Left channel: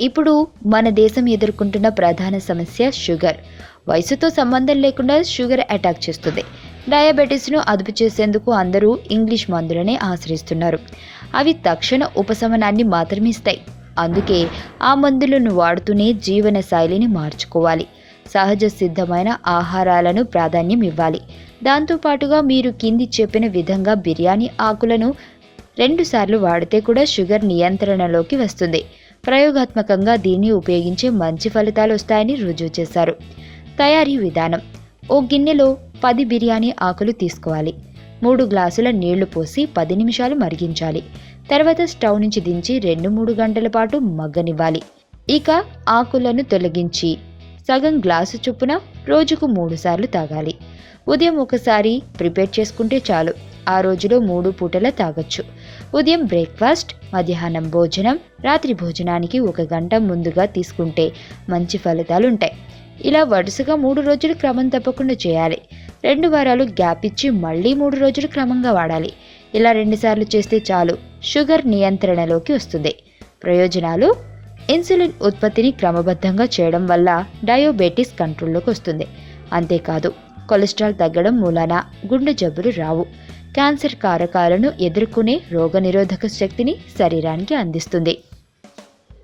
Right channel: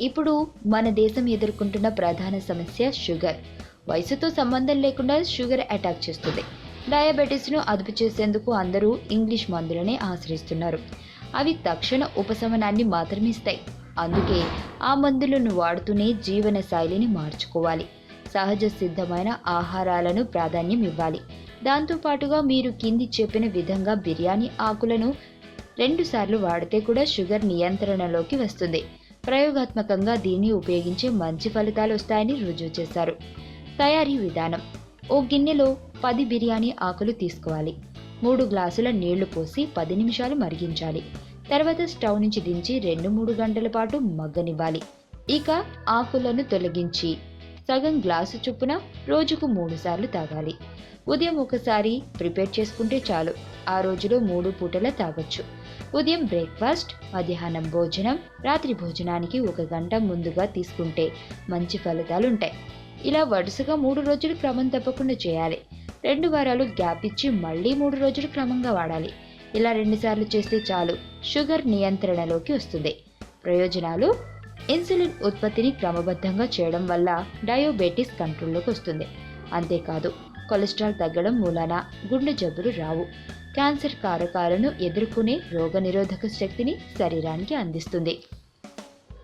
ఇప్పుడు మన దేశం ఎదుర్కొంటున్న ప్రధాన సమస్య షుగర్. వయసుతో సంబంధం లేకుండా షుగర్ అటాక్ చేస్తుంది. డయాబెటీస్ను అదుపు చేసేందుకు అందరూ ఇంగ్లీష్ మందులనే ఆశ్రయిస్తున్నారు. అవి తక్షణ ఉపశమనాన్ని మాత్రమే ఇస్తాయి. అందుకే ఆ మందులను వాడుతూనే జీవన శైలిని మార్చుకోవాలి. సహజ సిద్ధమైన ఆహారాలను ప్రాధాన్యం ఇవ్వాలి. దాంతోపాటుగా మీరు కింది చెప్పిన విధంగా బిర్యానీ ఆకులను రెండుసార్లు వాడితే కూడా షుగర్ నియంత్రణలోకి వస్తుంది. ప్రయోగాత్మకంగా దీన్ని ఉపయోగించి మంచి ఫలితాలు వస్తాయని రుజువు చేశారు. తయారీ విధానం. ఓ గిన్నెలో పది బిర్యానీ ఆకులు తీసుకోవాలి. మూడు గ్లాసుల నీళ్ళు పోసి పది నిమిషాలు మరిగించాలి. తర్వాత స్టవ్ నుంచి దించి రెండు మూడు గంటల పాటు మగ్గనివ్వాలి. ఇక ఆకులను తొలగించి సగం గ్లాసు చొప్పున రోజుకు మూడు సార్లు తాగాలి. ఉదయం ఒకసారి ప్రిపేర్ చేసుకుంటే చాలు. ఆ రోజులో మూడు పూటల తాగొచ్చు. ఉదయం బ్రేక్ఫాస్ట్ మధ్యాహ్నం భోజనం రాత్రి భోజనానికి ఒక గంట ముందుగా తీసుకుంటే మంచి ఫలితాలు ఉంటాయి ఇలా వరుసగా మూడు రోజులు క్రమం తప్పకుండా చేయాలి. రెండు వారాలు గ్యాప్ ఇచ్చి మళ్ళీ మూడు రోజులు క్రమంగా వాడాలి. ఇలా రెండుసార్లు చేస్తే చాలు షుగర్ నియంత్రణలోకి వస్తుంది. ప్రయోజనాలు? ఇన్సులిన్ ఉత్పత్తిని క్రమబద్ధంగా చేయడం వల్ల డయాబెటీస్ కంట్రోల్లోకి వస్తుంది. అంతేకాదు కొలెస్ట్రాల్ తగ్గడం మూలాన గుండె జబ్బులు రావు. క్యాన్సర్ కారకాలను ఎదుర్కొనే రోగనిరోధక శక్తిని శరీరానికి అందిస్తుంది.